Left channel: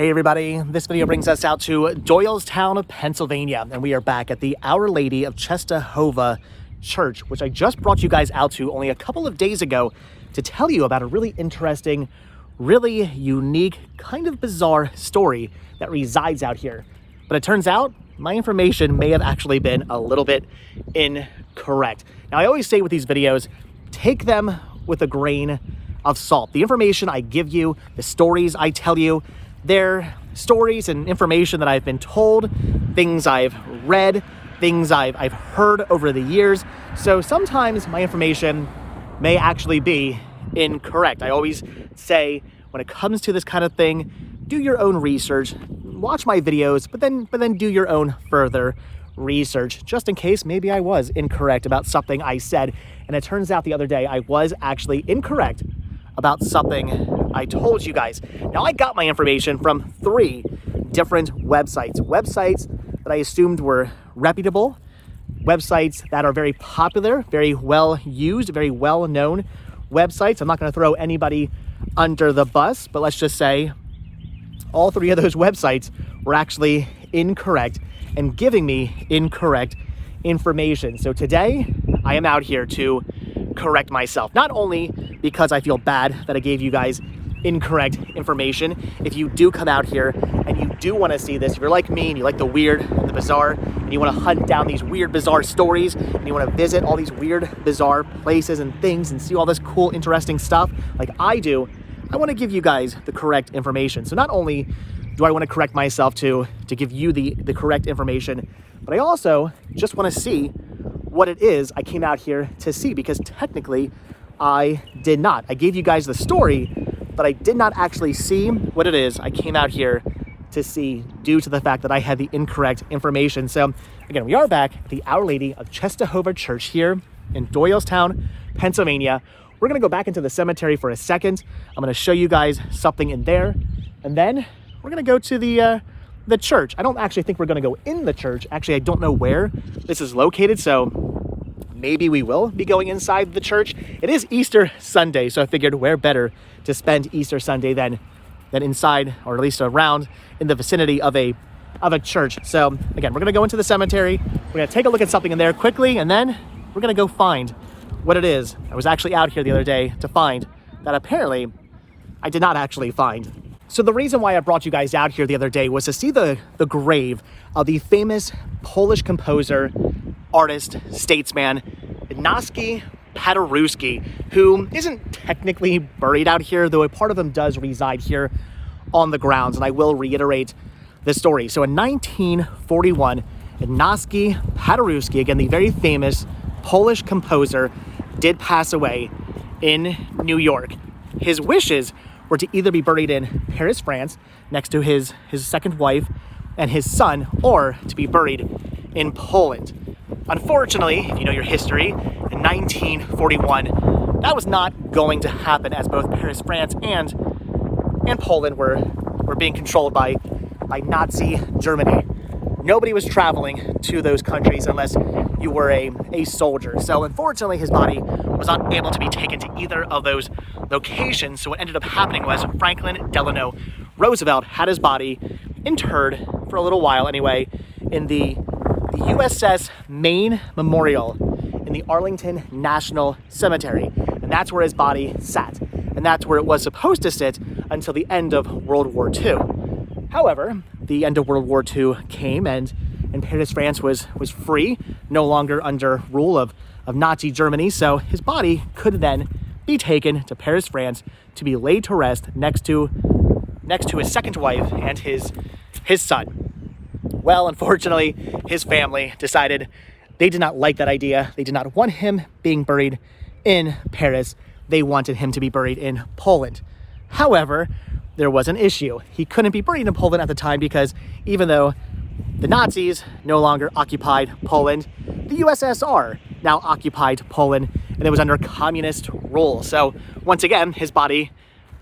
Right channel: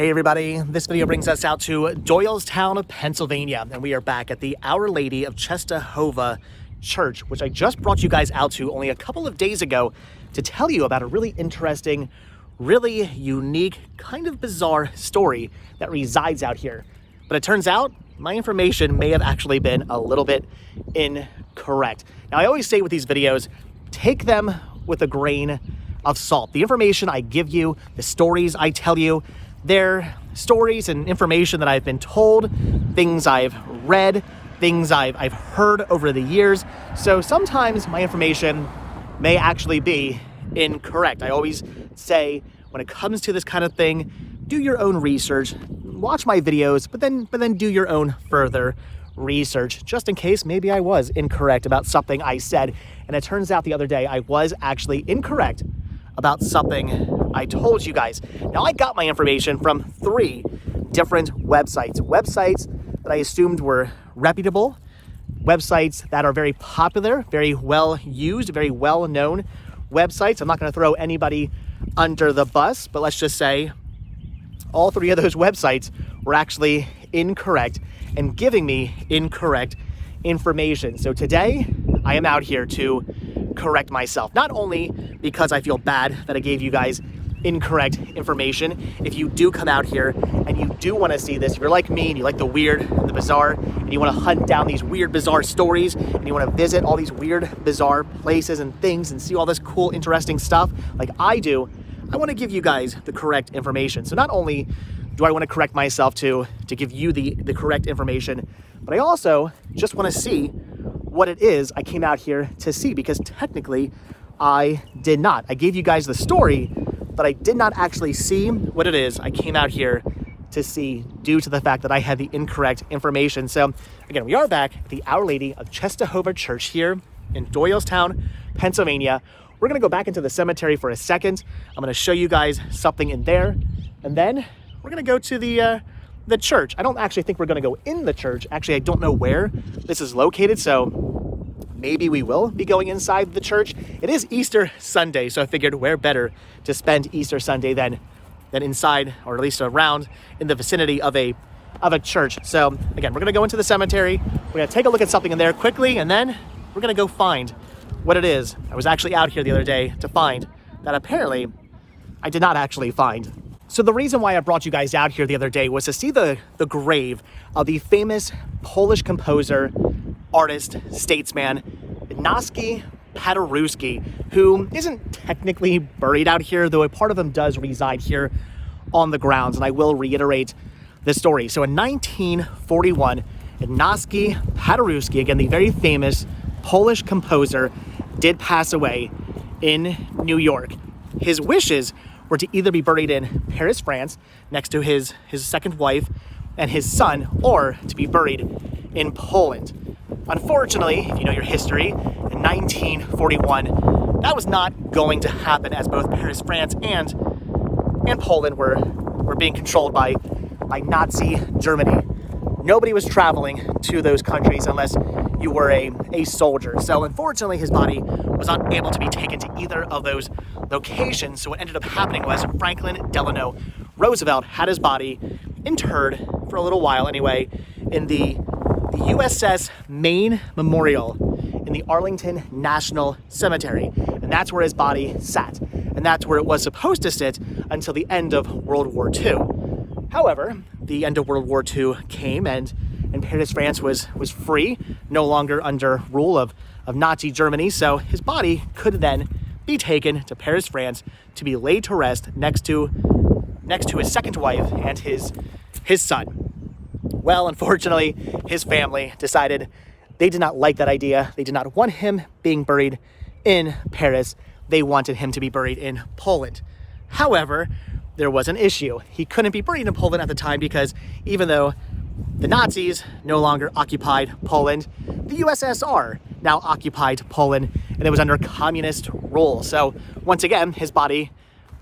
Hey everybody, this video brings us out to Doylestown, Pennsylvania, and we are back at the Our Lady of Czestochowa Church, which I just brought you guys out to only a couple of days ago to tell you about a really interesting, really unique, kind of bizarre story that resides out here. But it turns out my information may have actually been a little bit incorrect. Now, I always say with these videos, take them with a grain of salt. The information I give you, the stories I tell you, they're stories and information that I've been told, things I've read, things I've heard over the years. So sometimes my information may actually be incorrect. I always say when it comes to this kind of thing, do your own research, watch my videos, but then do your own further research, just in case maybe I was incorrect about something I said. And it turns out the other day I was actually incorrect about something I told you guys. Now, I got my information from 3 different websites that I assumed were reputable, websites that are very popular, very well used, very well known websites. I'm not going to throw anybody under the bus, but let's just say all 3 of those websites were actually incorrect and giving me incorrect information. So today I am out here to correct myself, not only because I feel bad that I gave you guys incorrect information. If you do come out here and you do want to see this, if you're like me and you like the weird and the bizarre, and you want to hunt down these weird, bizarre stories, and you want to visit all these weird, bizarre places and things and see all this cool, interesting stuff like I do, I want to give you guys the correct information. So not only do I want to correct myself to give you the correct information, but I also just want to see what it is I came out here to see, because technically I did not. I gave you guys the story, but I did not actually see what it is I came out here to see due to the fact that I had the incorrect information. So again, we are back at the Our Lady of Czestochowa Church here in Doylestown, Pennsylvania. We're gonna go back into the cemetery for a second. I'm gonna show you guys something in there, and then we're gonna go to the church. I don't actually think we're gonna go in the church. Actually, I don't know where this is located, so maybe we will be going inside the church. It is Easter Sunday, so I figured where better to spend Easter Sunday than inside, or at least around in the vicinity of a church. So again, we're gonna go into the cemetery. We're gonna take a look at something in there quickly, and then we're gonna go find what it is I was actually out here the other day to find that apparently I did not actually find. So the reason why I brought you guys out here the other day was to see the grave of the famous Polish composer, artist, statesman, Ignacy Paderewski, who isn't technically buried out here, though a part of him does reside here on the grounds, and I will reiterate the story. So in 1941, Ignacy Paderewski, again, the very famous Polish composer, did pass away in New York. His wishes were to either be buried in Paris, France, next to his second wife and his son, or to be buried in Poland. Unfortunately, if you know your history, in 1941, that was not going to happen, as both Paris, France, and Poland were being controlled by Nazi Germany. Nobody was traveling to those countries unless you were a soldier. So unfortunately, his body was not able to be taken to either of those locations. So what ended up happening was Franklin Delano Roosevelt had his body interred for a little while anyway in the USS Maine Memorial in the Arlington National Cemetery. And that's where his body sat. And that's where it was supposed to sit until the end of World War II. However, the end of World War II came, and Paris, France was free, no longer under rule of Nazi Germany. So his body could then be taken to Paris, France, to be laid to rest next to his second wife and his son. Well, unfortunately, his family decided they did not like that idea. They did not want him being buried in Paris. They wanted him to be buried in Poland. However, there was an issue. He couldn't be buried in Poland at the time because even though the Nazis no longer occupied Poland, the USSR now occupied Poland, and it was under communist rule. So once again, his body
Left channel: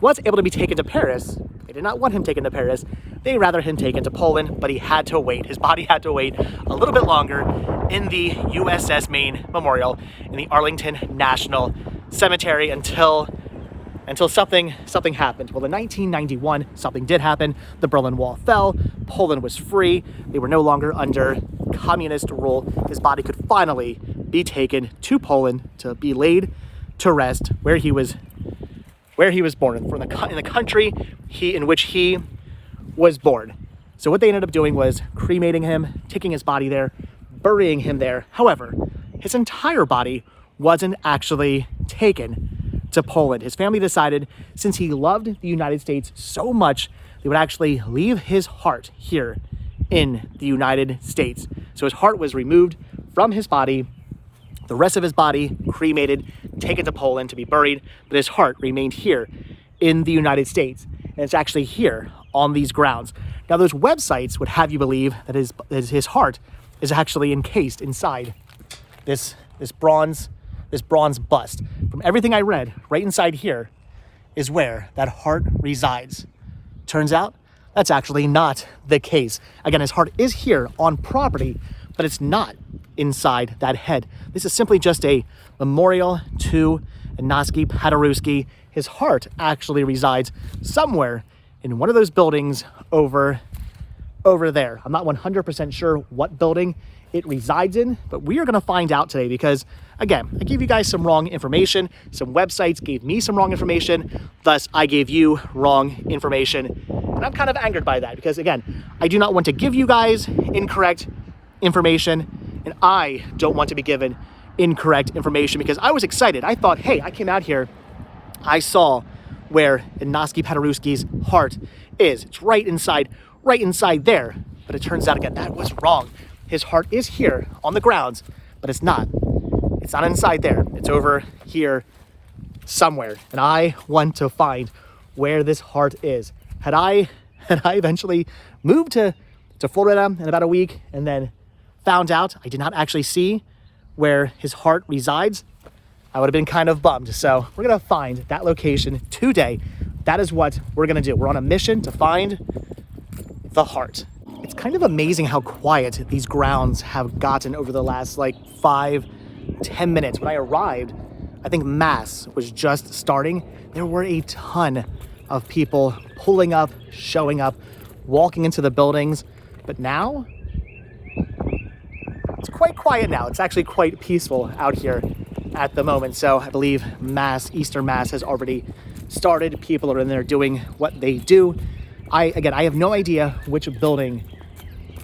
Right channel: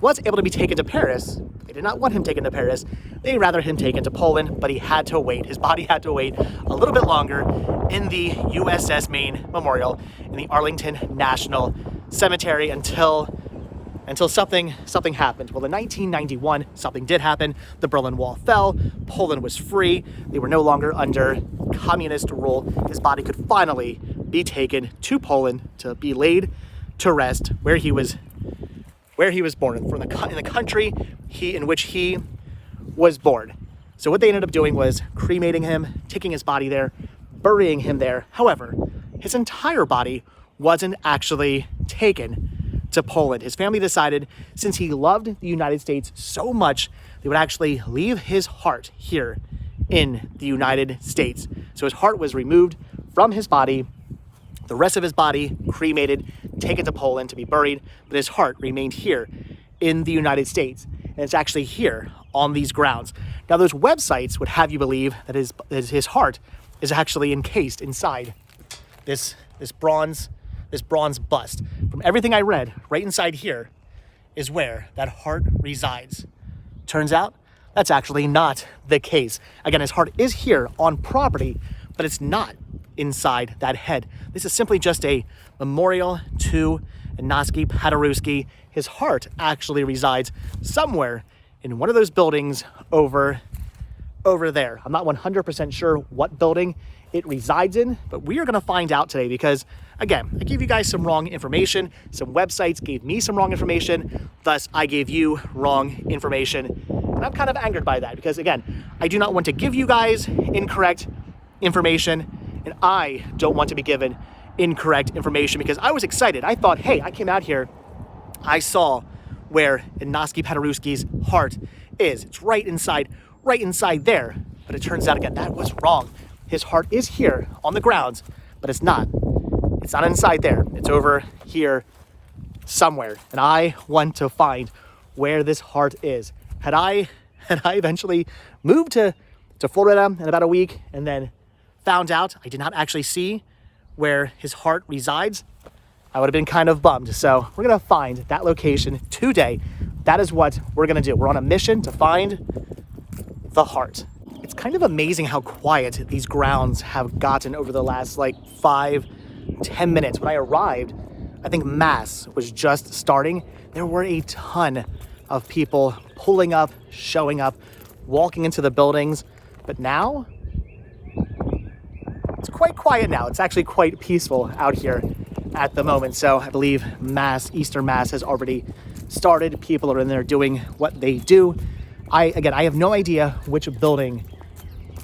was able to be taken to Paris. They did not want him taken to Paris. They'd rather him taken to Poland, but he had to wait. His body had to wait a little bit longer in the USS Maine Memorial in the Arlington National Cemetery until until something happened. Well, in 1991, something did happen. The Berlin Wall fell. Poland was free. They were no longer under communist rule. His body could finally be taken to Poland to be laid to rest where he was born, in the country in which he was born. So what they ended up doing was cremating him, taking his body there, burying him there. However, his entire body wasn't actually taken to Poland. His family decided, since he loved the United States so much, they would actually leave his heart here in the United States. So his heart was removed from his body, the rest of his body cremated, taken to Poland to be buried, but his heart remained here in the United States. And it's actually here on these grounds. Now, those websites would have you believe that his heart is actually encased inside this bronze bust. From everything I read, right inside here is where that heart resides. Turns out that's actually not the case. Again, his heart is here on property, but it's not inside that head. This is simply just a memorial to Ignacy Paderewski. His heart actually resides somewhere in one of those buildings over there. I'm not 100% sure what building it resides in, but we are going to find out today because, again, I gave you guys some wrong information. Some websites gave me some wrong information, thus I gave you wrong information. And I'm kind of angered by that because, again, I do not want to give you guys incorrect information, and I don't want to be given incorrect information because I was excited. I thought, hey, I came out here, I saw where Ignacy Paderewski's heart is. It's right inside there. But it turns out, again, that was wrong. His heart is here on the grounds, but it's not. It's not inside there. It's over here somewhere. And I want to find where this heart is. Had I eventually moved to Florida in about a week and then found out I did not actually see where his heart resides, I would have been kind of bummed. So we're gonna find that location today. That is what we're gonna do. We're on a mission to find the heart. It's kind of amazing how quiet these grounds have gotten over the last like 5-10 minutes. When I arrived, I think Mass was just starting. There were a ton of people pulling up, showing up, walking into the buildings. But now, it's quite quiet now. It's actually quite peaceful out here at the moment. So I believe Easter Mass has already started. People are in there doing what they do. I have no idea which building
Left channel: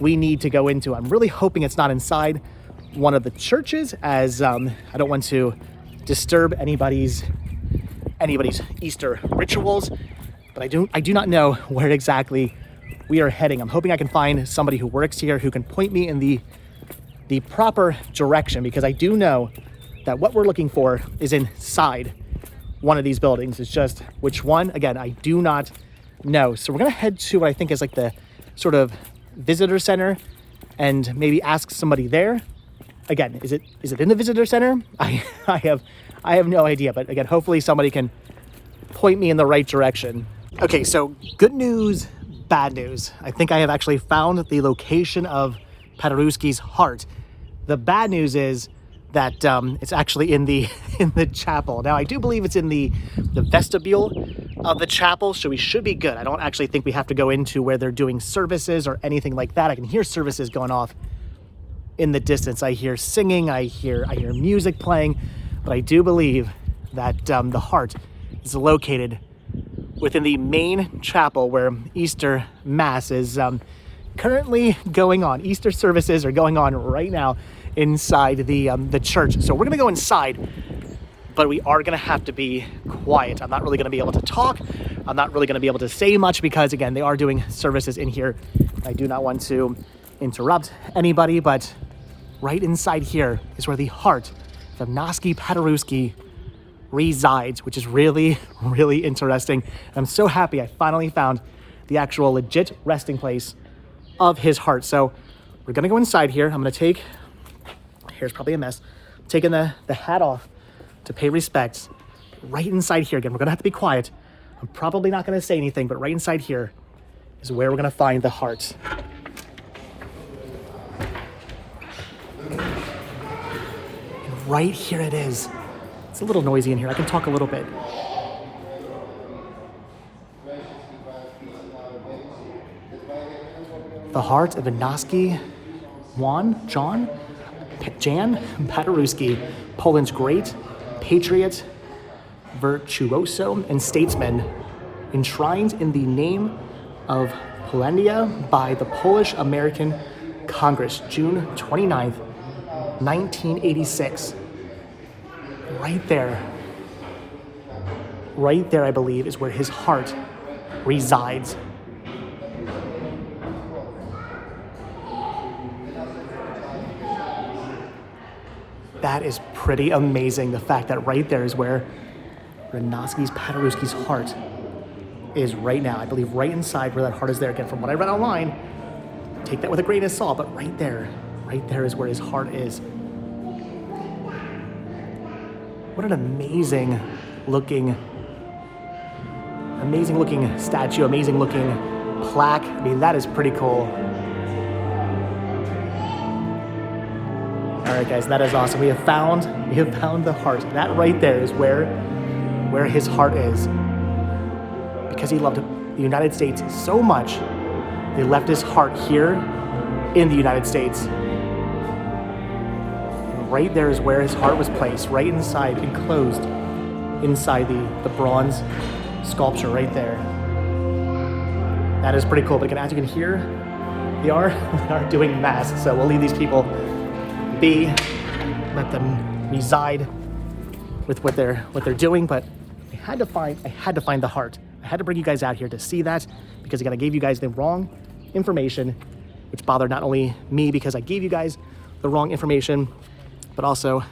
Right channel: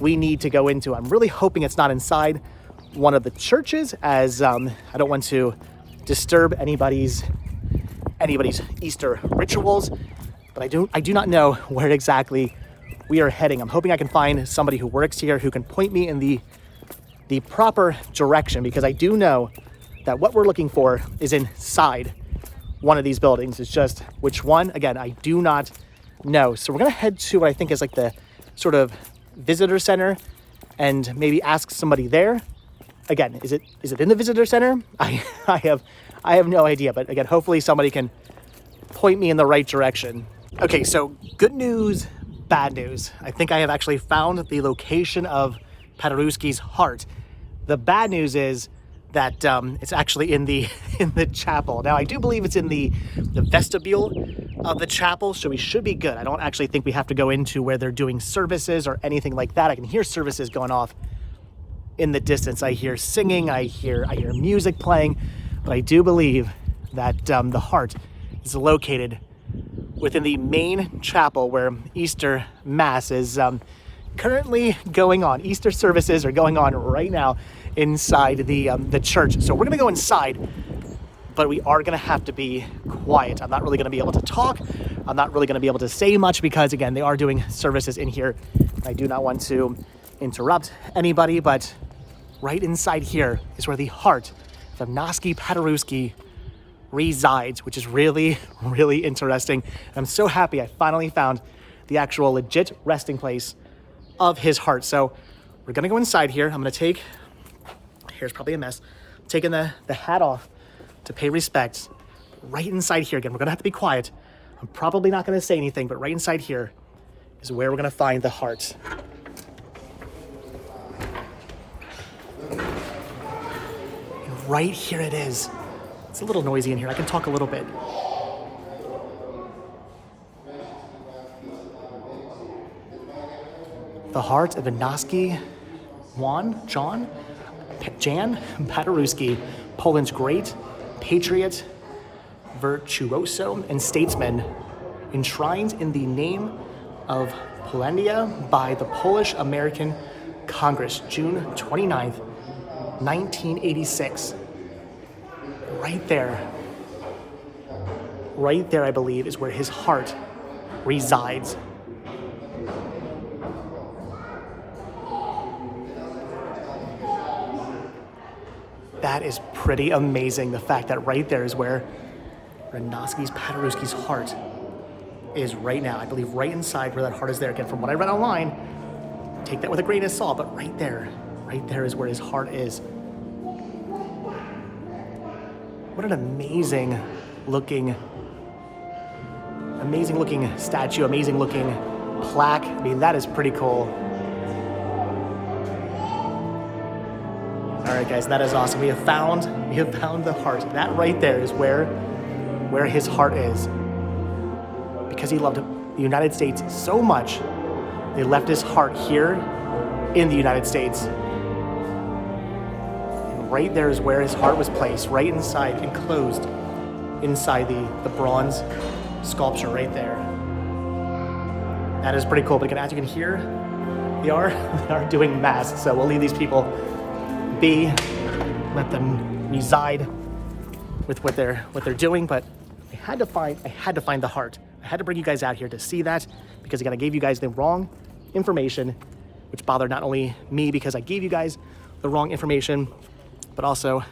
we need to go into. I'm really hoping it's not inside one of the churches, as I don't want to disturb anybody's Easter rituals. But I do not know where exactly we are heading. I'm hoping I can find somebody who works here who can point me in the proper direction, because I do know that what we're looking for is inside one of these buildings. It's just which one, again, I do not know. So we're gonna head to what I think is like the sort of visitor center and maybe ask somebody there. Again, is it in the visitor center? I have no idea, but again, hopefully somebody can point me in the right direction. Okay, so good news, bad news. I think I have actually found the location of Paderewski's heart. The bad news is that it's actually in the chapel. Now, I do believe it's in the vestibule of the chapel, so we should be good. I don't actually think we have to go into where they're doing services or anything like that. I can hear services going off in the distance. I hear singing, I hear music playing, but I do believe that the heart is located within the main chapel where Easter Mass is currently going on. Easter services are going on right now inside the church. So we're gonna go inside, but we are gonna have to be quiet. I'm not really gonna be able to talk. I'm not really gonna be able to say much because, again, they are doing services in here. I do not want to interrupt anybody, but right inside here is where the heart of Ignacy Paderewski resides, which is really, really interesting. I'm so happy I finally found the actual legit resting place of his heart. So we're gonna go inside here. I'm gonna take, here's probably a mess, I'm taking the hat off to pay respects. Right inside here, again, we're gonna have to be quiet. I'm probably not gonna say anything, but right inside here is where we're gonna find the heart. And right here it is. It's a little noisy in here. I can talk a little bit. The heart of Ignacy Jan Paderewski, Poland's great patriot, virtuoso, and statesman, enshrined in the name of Polandia by the Polish-American Congress, June 29th, 1986. Right there, I believe, is where his heart resides. That is pretty amazing. The fact that right there is where Ignacy Paderewski's heart is right now. I believe right inside where that heart is there. Again, from what I read online, take that with a grain of salt, but right there is where his heart is. What an amazing looking statue, amazing looking plaque. I mean, that is pretty cool. All right, guys, that is awesome. We have found the heart. That right there is where his heart is. Because he loved the United States so much, they left his heart here in the United States. And right there is where his heart was placed, right inside, enclosed inside the bronze sculpture right there. That is pretty cool. But as you can hear, we are doing mass, so we'll leave these people be, let them reside with what they're doing. But I had to find the heart. I had to bring you guys out here to see that, because again, I gave you guys the wrong information, which bothered not only me because I gave you guys the wrong information, but also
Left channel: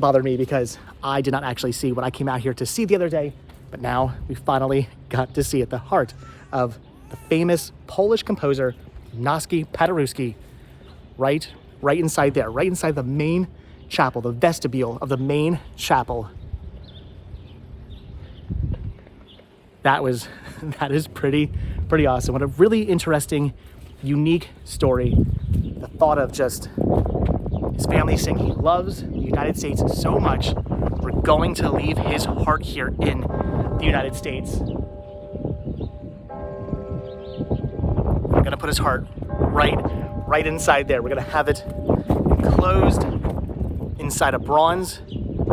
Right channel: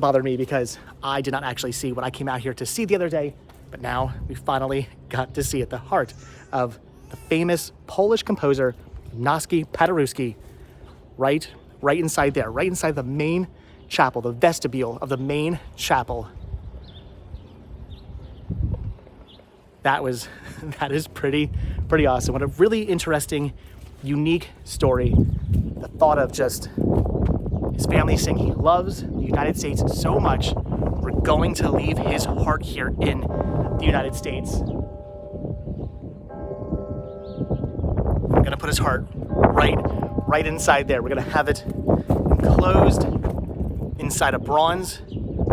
bothered me because I did not actually see what I came out here to see the other day. But now we finally got to see it, the heart of the famous Polish composer Ignacy Paderewski, right inside there, right inside the main chapel, the vestibule of the main chapel. That is pretty awesome. What a really interesting, unique story. The thought of just his family saying he loves the United States so much, we're going to leave his heart here in the United States. We're gonna put his heart right inside there. We're gonna have it enclosed inside a bronze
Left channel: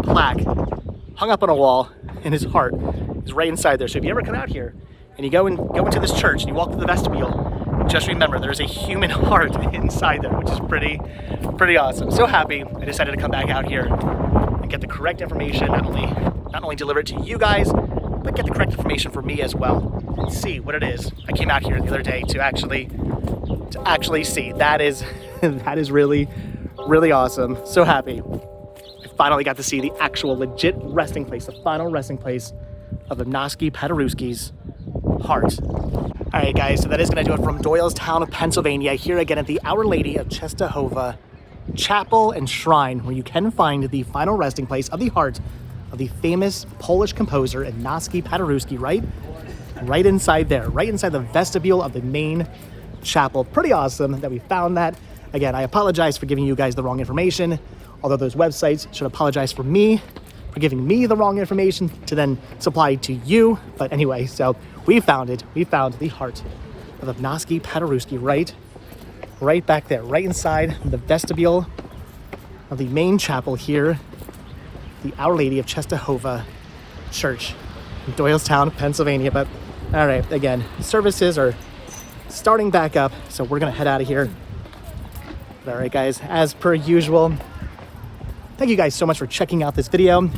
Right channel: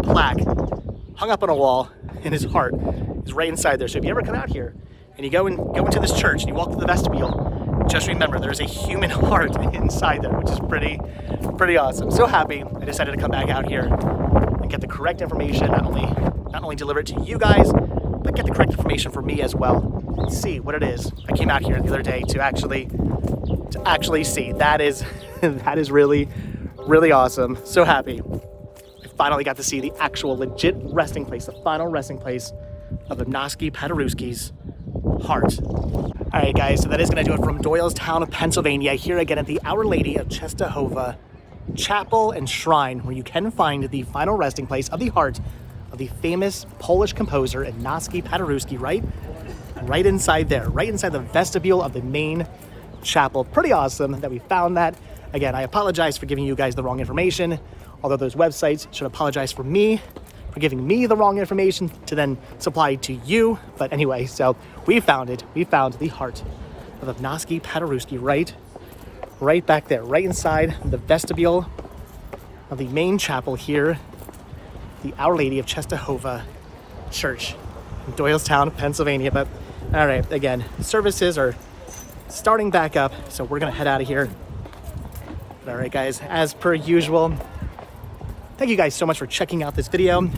plaque hung up on a wall, and his heart is right inside there. So if you ever come out here and you go into this church and you walk through the vestibule, just remember there's a human heart inside there, which is pretty awesome. So happy I decided to come back out here and get the correct information, not only deliver it to you guys, but get the correct information for me as well, and see what it is I came out here the other day to actually see. That is really awesome. So happy I finally got to see the actual legit resting place, the final resting place of Ignacy Paderewski's heart. All right, guys, so that is going to do it from Doylestown, Pennsylvania, here again at the Our Lady of Czestochowa Chapel and Shrine, where you can find the final resting place of the heart of the famous Polish composer Ignacy Paderewski, right inside there, right inside the vestibule of the main chapel. Pretty awesome that we found that. Again, I apologize for giving you guys the wrong information, although those websites should apologize for me for giving me the wrong information to then supply to you. But anyway, so we found it. We found the heart of Ignacy Paderewski right back there, right inside the vestibule of the main chapel here, the Our Lady of Czestochowa Church in Doylestown, Pennsylvania. But all right, again, services are starting back up, so we're gonna head out of here. But all right, guys, as per usual, thank you guys so much for checking out this video.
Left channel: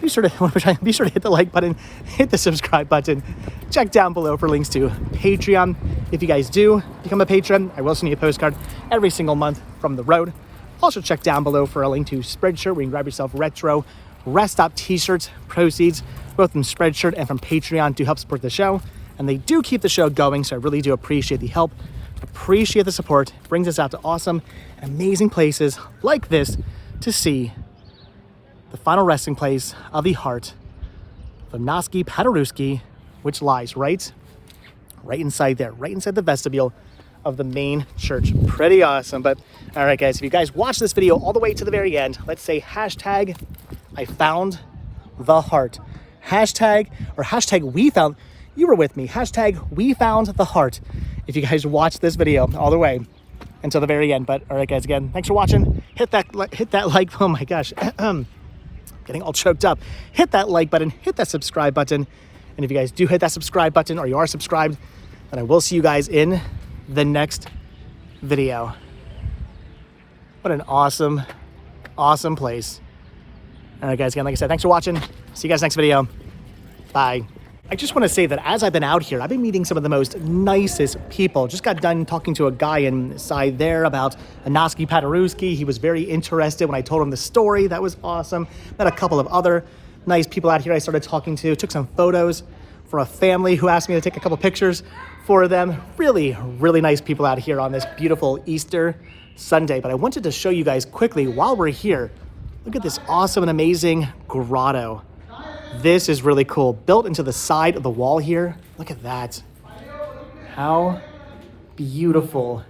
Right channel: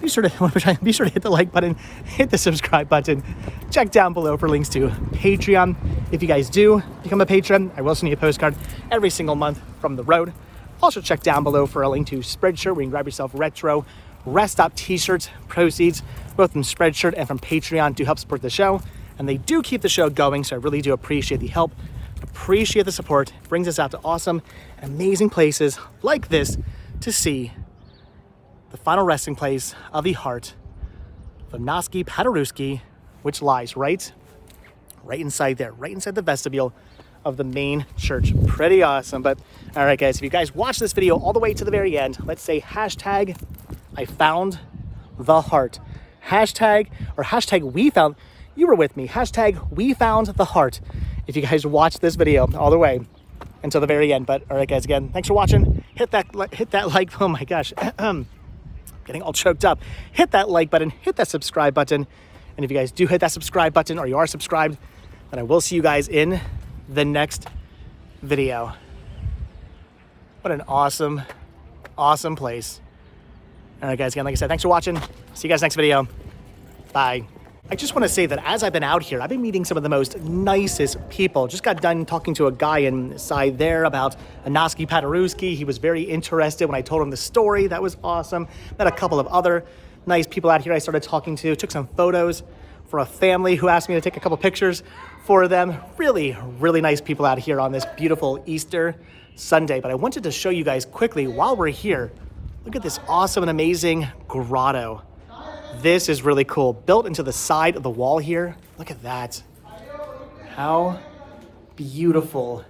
Be sure to hit the like button, hit the subscribe button. Check down below for links to Patreon. If you guys do become a patron, I will send you a postcard every single month from the road. Also check down below for a link to Spreadshirt, where you can grab yourself retro Rest Stop t-shirts. Proceeds both from Spreadshirt and from Patreon to help support the show. And they do keep the show going, so I really do appreciate the help, appreciate the support. It brings us out to awesome and amazing places like this to see the final resting place of the heart of Ignacy Paderewski, which lies right inside there, right inside the vestibule of the main church. Pretty awesome. But all right, guys, if you guys watch this video all the way to the very end, let's say hashtag I found the heart. Hashtag we found, you were with me, hashtag we found the heart if you guys watch this video all the way until the very end. But all right, guys, again, thanks for watching. Hit that like. Oh my gosh, getting all choked up. Hit that like button, hit that subscribe button. And if you guys do hit that subscribe button, or you are subscribed, then I will see you guys in the next video. What an awesome, awesome place. All right, guys, again, like I said, thanks for watching. See you guys next video. Bye. I just want to say that as I've been out here, I've been meeting some of the most nicest people. Just got done talking to a guy inside there about Ignacy Paderewski. He was very interested when I told him the story. That was awesome. Met a couple of other nice people out here I started talking to. Took some photos for a family who asked me to take a couple pictures for them. Really, really nice people out here on this beautiful Easter Sunday. But I wanted to show you guys quickly while we're here. Look at this awesome and amazing grotto. This is really cool. Built into the side of the wall here. Look at that. How beautiful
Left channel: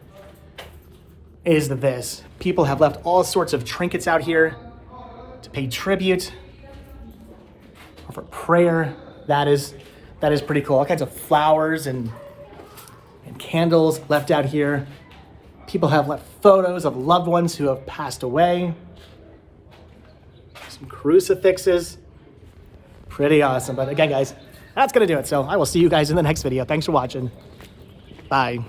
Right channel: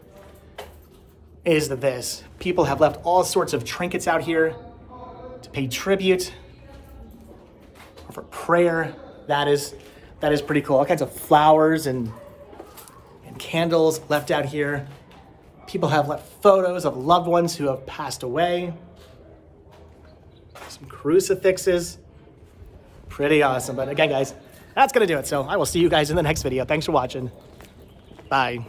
is this? People have left all sorts of trinkets out here to pay tribute or for prayer. That is pretty cool. All kinds of flowers and candles left out here. People have left photos of loved ones who have passed away. Some crucifixes. Pretty awesome. But again, guys, that's going to do it. So I will see you guys in the next video. Thanks for watching. Bye.